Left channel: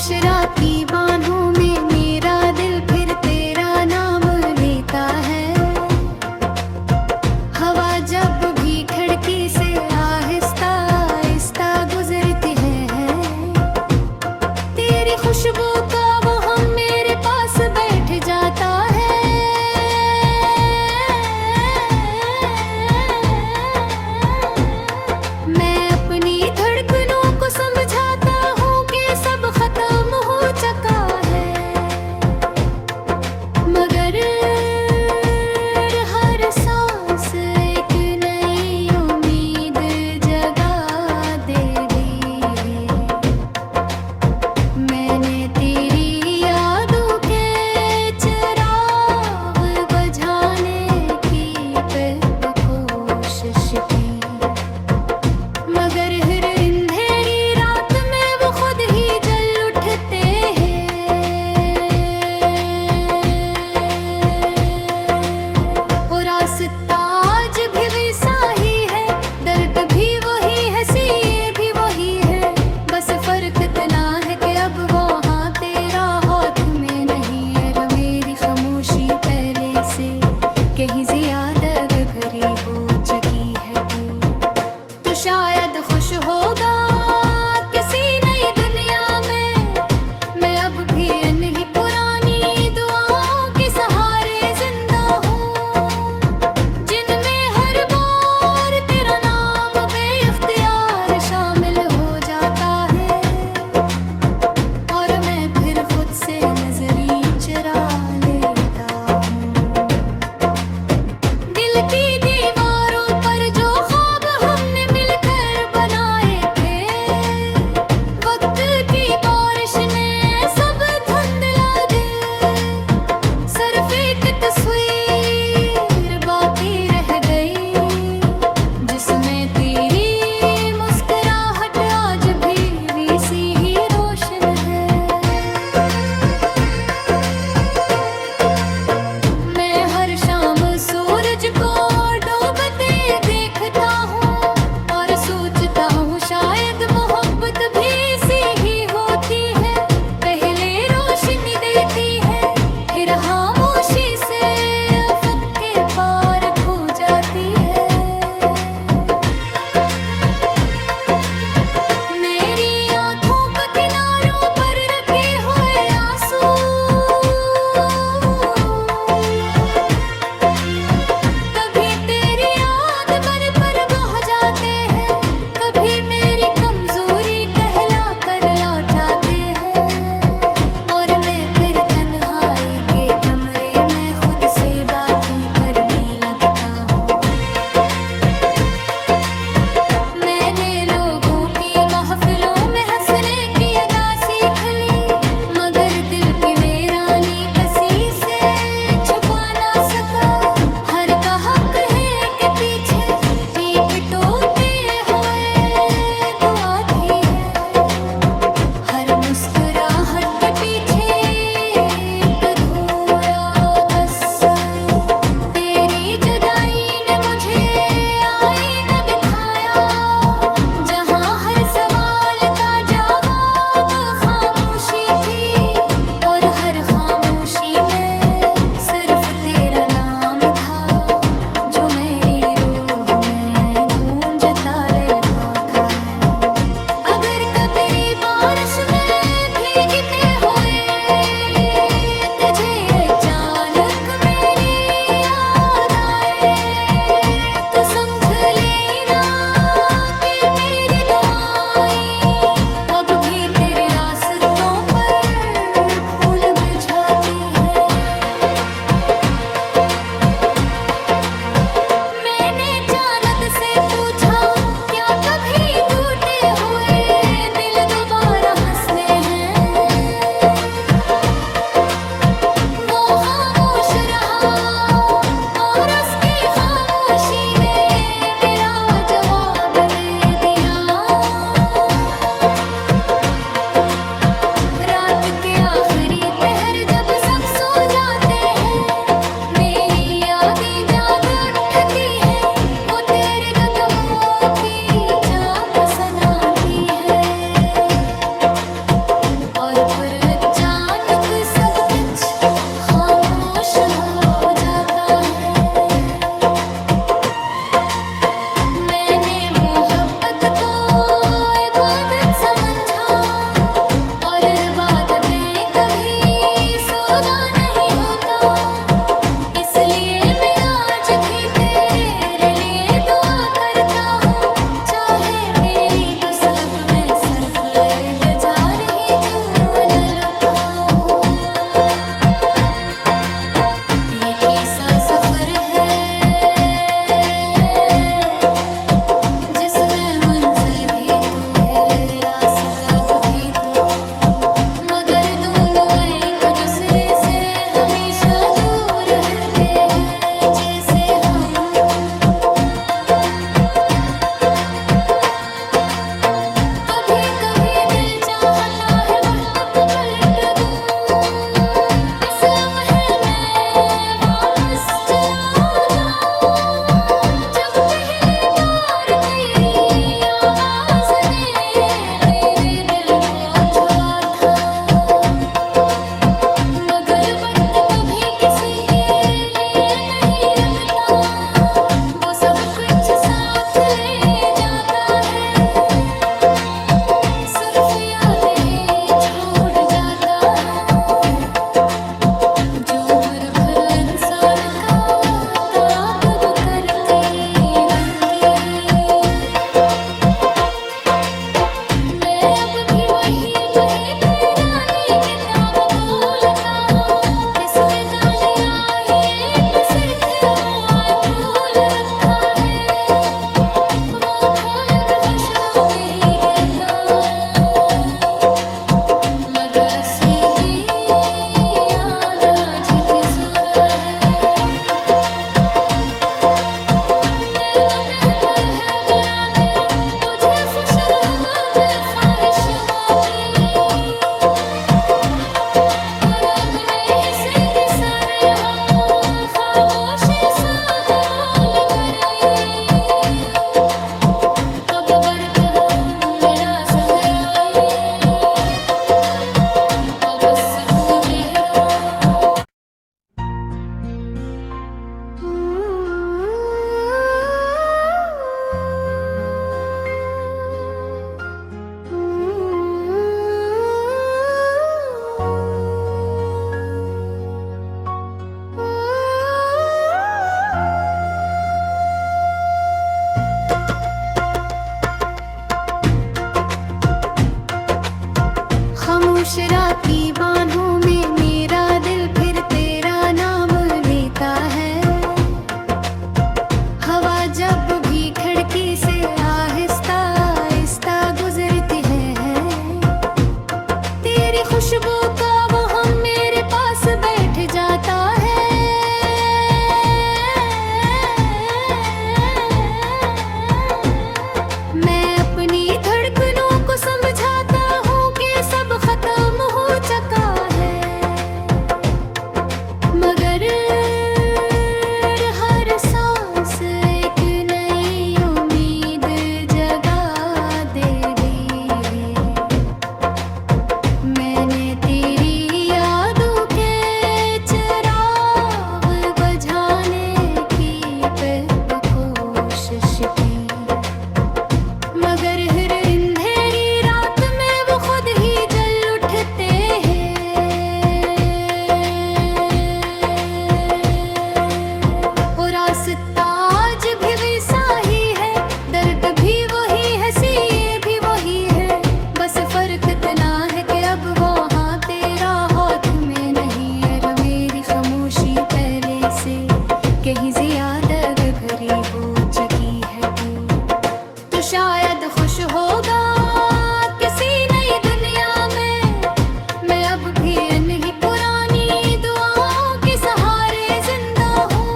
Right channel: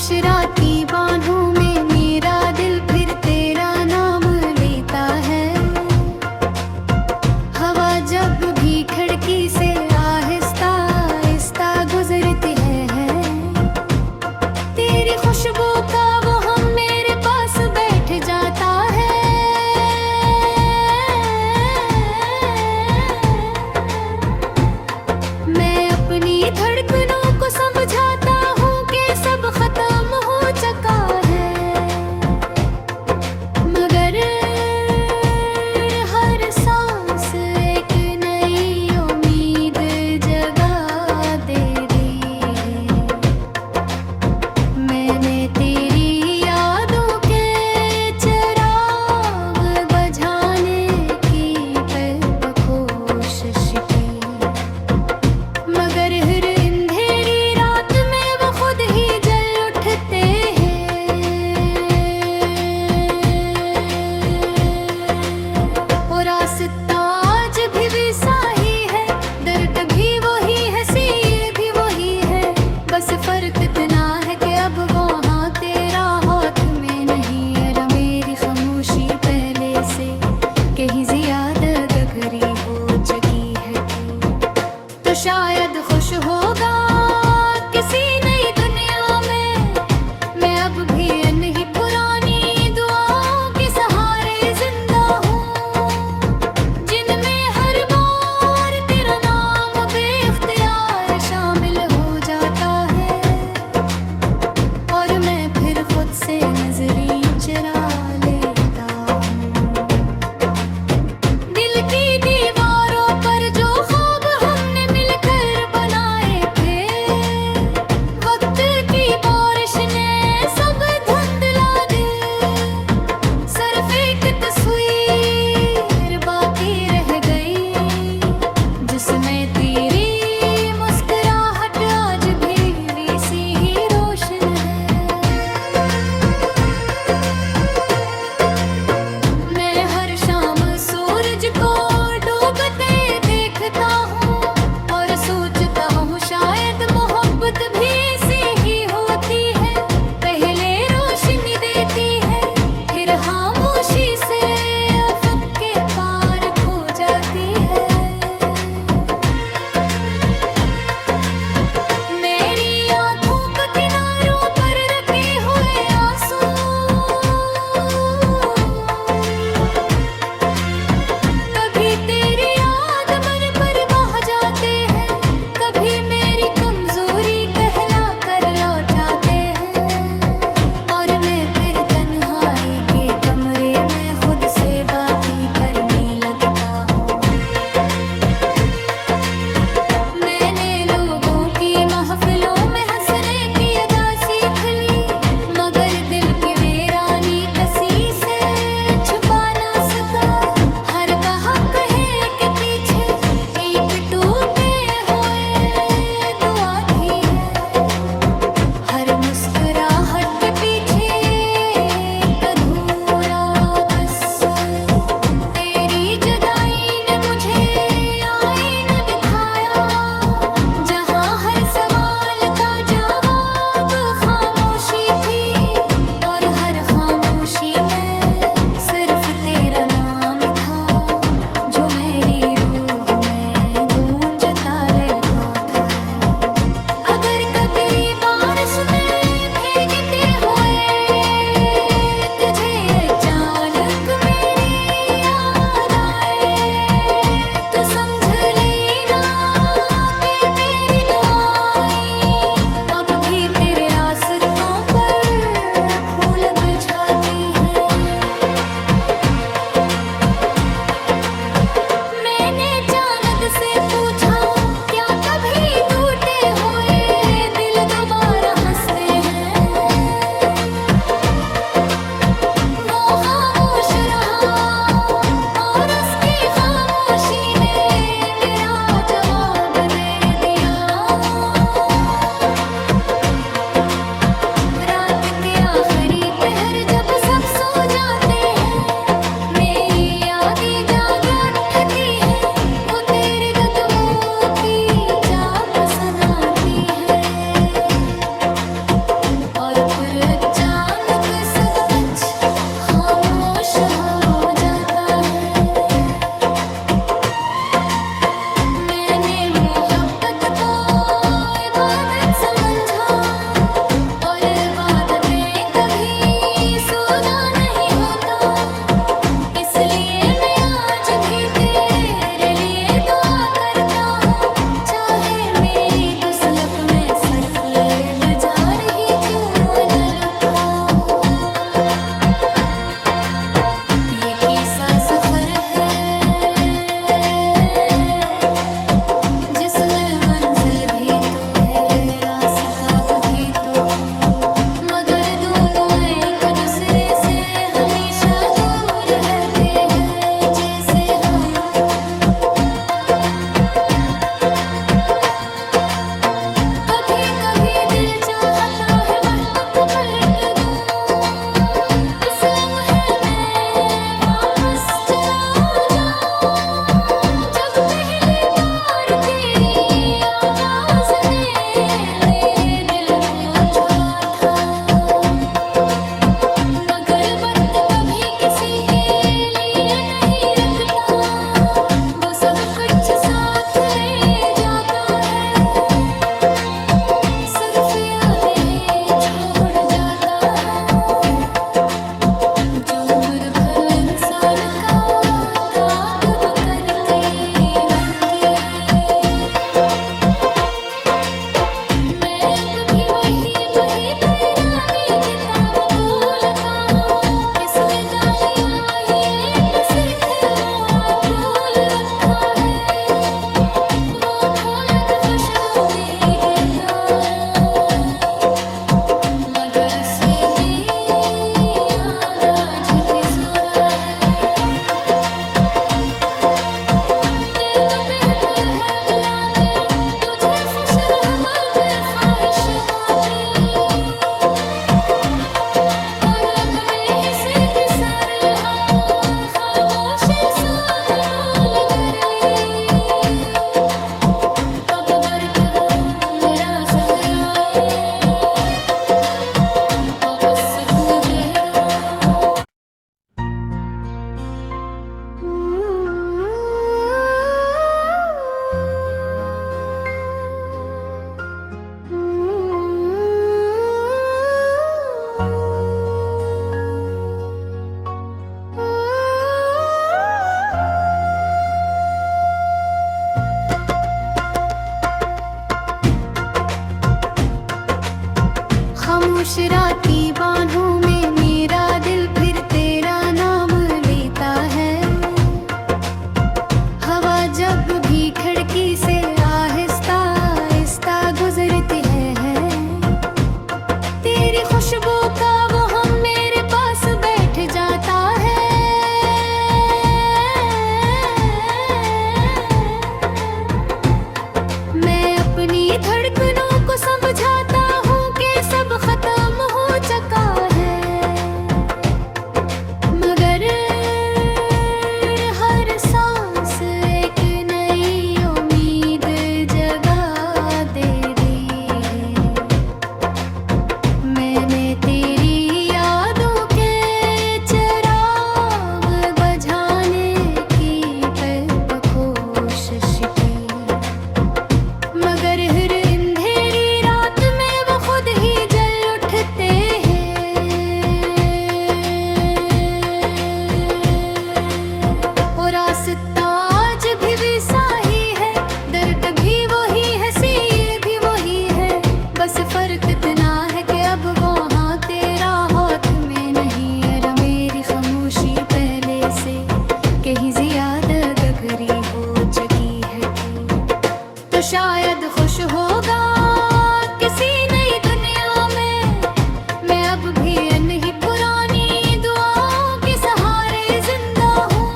खुश राती बाहों में मेरा दिल फिर तेरा नाम लेता है। हवा जब भी खिड़की से आहिस्ता आहिस्ता गुजरती है, तेरी खुशबू का वो हम मेरे पास बैठ जाता है। मैं अपनी धड़कनों को समझाता हूँ कि सब खत्म हो चुका है, मगर हर सांस एक नई उम्मीद जगा दे दी है। मैंने तेरी यादों के चिराग बुझाने की कोशिश की, मगर हर अंधेरी रात में वो खुद ही जल उठते हैं। और रास्ता आज भी वैसा ही है, दर्द भी वही है, सीए भी वही है, बस फर्क इतना है कि अब वो हाँ तेरा हाथ में नहीं है। मेरी खामोशी पहले से कहीं ज्यादा गहरी हो चुकी है, तो शायद खुश होगा किसी नई दुनिया में। मैं अब भी नहीं पुरानी दुआओं के सहारे जिंदा हूँ, जिनमें हर बार तेरा नाम बेइख्तियार शामिल हो जाता है। और मैं फिर खुद से नजरी चुरा लेता हूँ। दिल की दीवारों पर जो ख्वाब हमने मिलकर बनाए थे, वक्त की बारिश ने सब धुंधला दे। सिर्फ एक तस्वीर बाकी रह गई, जिसमें तेरी मुस्कुराहट आज भी वैसी ही रोशन है। मैं हर शाम सूरज को डूबते देखता हूँ और सोचता हूँ शायद मोहब्बत भी ऐसी ही होती है। पहले रोशनी देती है, फिर खामोशी से अफक के पार खो जाती है। मेरी आंखों के किनारों पर रखे हुए आंसू कभी तेरी याद मन पर बह जाते हैं, कभी मेरी कमजोरी कहला कर लौटाते हैं। और मैं फिर तन्हाई के कमरे में खुद से बातें करने लगता हूँ। मैंने लोगों की महफिलों में हंसने की अदा सीख ली, मगर दिल की वीरानी कसी से छुपा ना सका। हर का हक है कि पीछे एक टूटे हुए दुआ थी है, हर मुस्कुराहट के पीछे एक अधूरा कसर। तेरी जुदाई ने मुझे आईना दिखाया, जहाँ हर सवाल का जवाब खामोशी थी, और हर खामोशी में सिर्फ तेरा नाम था, जो मेरी रूह में गूंजता रहता है। अगर कभी बारिश में भीगते हुए तुझे अचानक मेरी याद आए, तो समझ लेना कि मेरी दुआएं अब भी तेरे रास्तों पर फूल बिछाती है। मैंने चांद से पूछा क्या कभी टूटे हुए दिल दोबारा हंसने एक ही सा सफर है जिसमें मंजिल भी तो है, रास्ता भी तो, मगर दोनों एक दूसरे से हमेशा दूर रहते हैं जैसे हम। कभी कभी दिल चाहता है वक्त को पलट दूं, इस लम्हे में वापस चला जाऊं, जब पहली बार तेरी आवाज ने मेरे दिल को छुआ था। मगर वक्त कभी किसी के लिए नहीं रखता, वो सब कुछ साथ ले जाता है, सिर्फ यादें छोड़ जाता है, जो उम्र भर इंसान का ताक़ब करती रहती है। मैं अब भी वही पुरानी किताब भूलता हूँ, किसमें गाने आए एक सिर्फ है वो फूल रखा है, वो फूल तो खुशबू भी देता है, मगर से भी याद आज की ज़ोरा है। मैं तो बेहतर है गुलामी तुझे खुश रहमत ख्वाहिशुमा की, और अब मैं इसे के सारे हम खामोशी सा कबूल कर ली। कब बरकत मेरा सफर आए, कब सिर्फ देरो। खामोश राती बाहों में मेरा दिल फिर तेरा नाम लेता है, हवा जब भी खिड़की से आहिस्ता आहिस्ता गुजरती है, तेरी खुशबू का वो हम मेरे पास बैठ जाता है। मैं अपनी धड़कनों को समझाता हूँ कि सब खत्म हो चुका है, मगर हर सांस एक नई उम्मीद जगा दे दी है। मैंने तेरी यादों के चिराग बुझाने की कोशिश की, मगर हर अंधेरी रात में वो खुद ही जल उठते हैं, और रास्ता आज भी वैसा ही है, दर्द भी वही है, ये भी वही है, बस फर्क इतना है कि अब वो हाँ तेरा हाथ में नहीं है। मेरी खामोशी पहले से कहीं ज्यादा गहरी हो चुकी है, तो शायद खुश होगा किसी नई दुनिया में। मैं अब भी नहीं पुरानी दुआओं के सहारे जिंदा हूँ,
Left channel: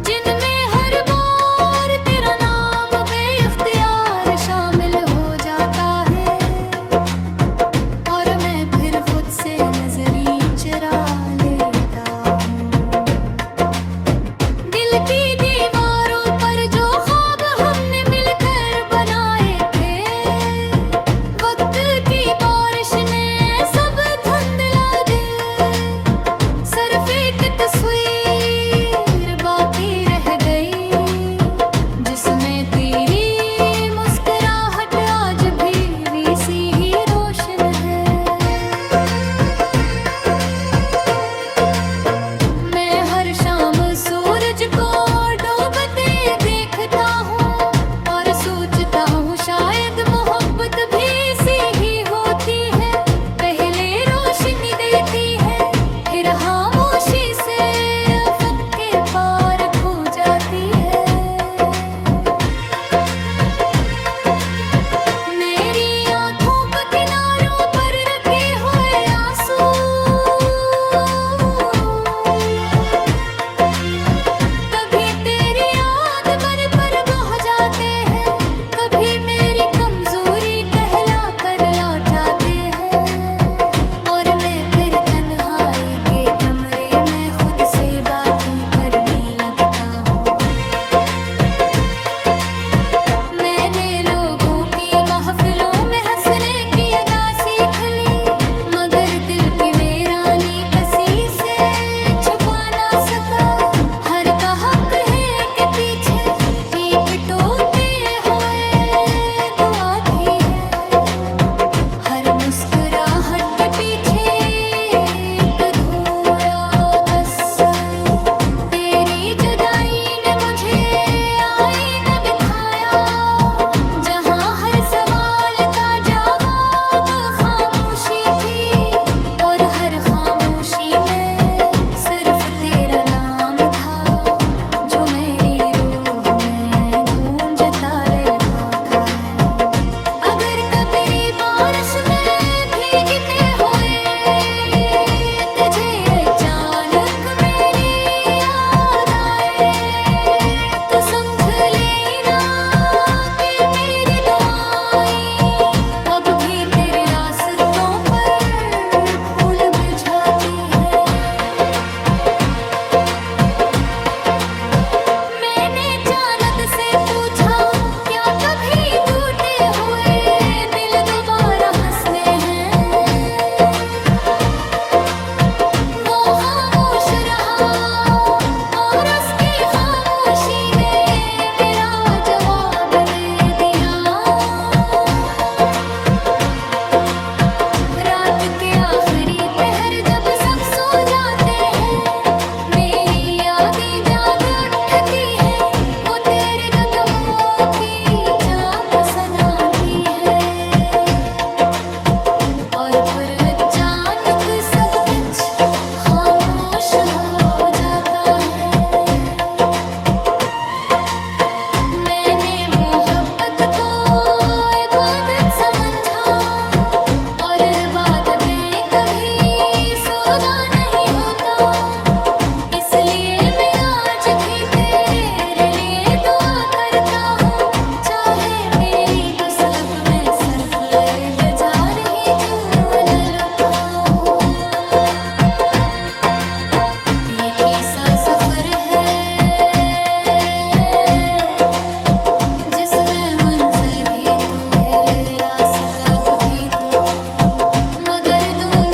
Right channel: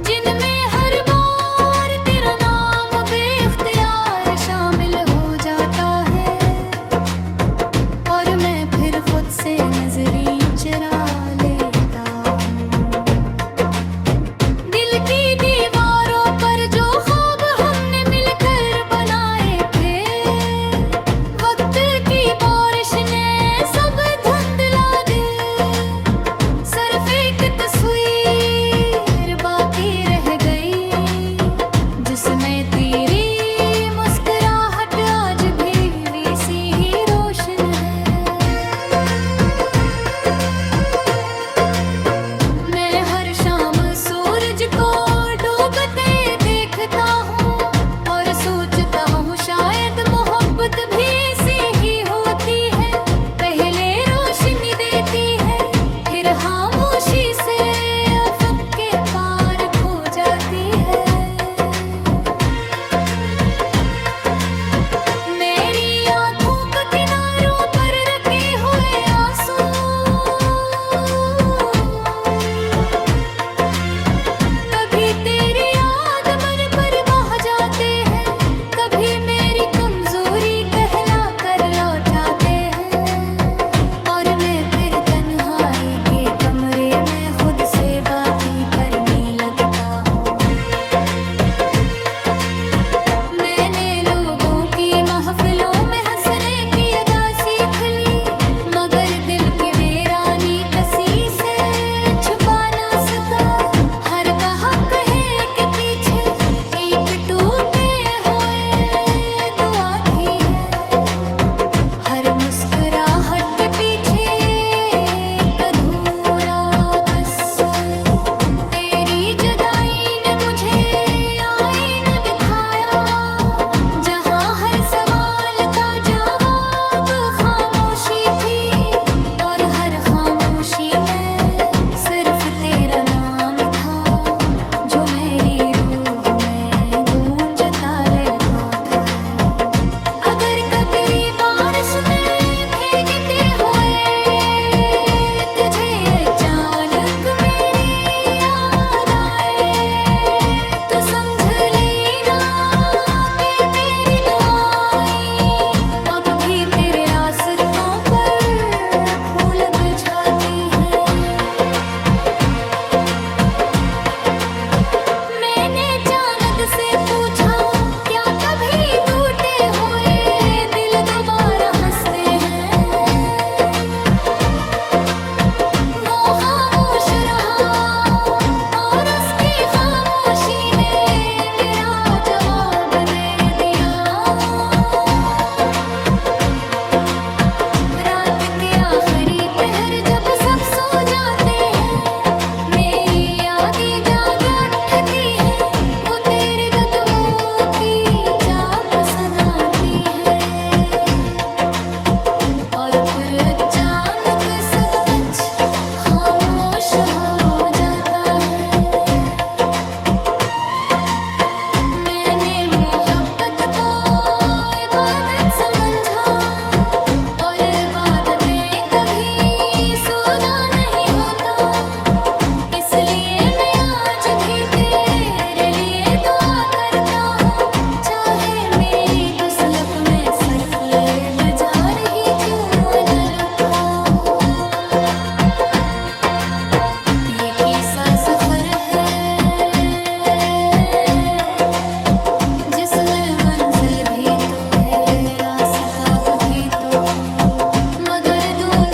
जिनमें हर बार तेरा नाम बेइख्तियार शामिल हो जाता है, और मैं फिर खुद से नजरी चुरा लेता हूँ। दिल की दीवारों पर जो ख्वाब हमने मिलकर बनाए थे, वक्त की बारिश ने सब धुंधला दे, सिर्फ एक तस्वीर बाकी रह गई, जिसमें तेरी मुस्कुराहट आज भी वैसी ही रोशन है। मैं हर शाम सूरज को डूबते देखता हूँ, और सोचता हूँ शायद मोहब्बत भी ऐसी ही होती है, पहले रोशनी देती है फिर खामोशी से छुपा ना सका। हर का हक है कि पीछे एक टूटे हुए दुआ थी है। हर मुस्कुराहट के पीछे एक अधूरा कसम। तेरी जुदाई ने मुझे आईना दिखाया, जहां हर सवाल का जवाब खामोशी थी, और हर खामोशी में सिर्फ तेरा नाम था, जो मेरी रूह में गूंजता रहता है। अगर कभी बारिश में भीगते हुए तुझे अचानक मेरी याद आए, तो समझ लेना कि मेरी दुआएं अब भी तेरे रास्तों पर फूल बिछाती है। मैंने चांद से पूछा, क्या कभी टूटे हुए दिल दोबारा हंसने हैं? वो खामोश रहा और उसकी खामोशी ने मेरा जवाब दे दिया। रात के आखिरी पहर जब सब सो जाते हैं, मेरी यादें जाग उठती है, वो तेरे कदमों की चाप सनाती है। और फिर अचानक सब कुछ खामोश हो जाता है। मैंने मोहब्बत को इबादत समझा, और इबादतें कभी सौदा नहीं होता। इसलिए मैं आज भी तेरे लिए दुआ करता हूँ, चाहे मेरी गुस्लक में सर्फ लजार ही क्यों न लुका हो। ये कैसा सफर है जिसमें मंजिल भी तो है, रास्ता भी तो, मगर दोनों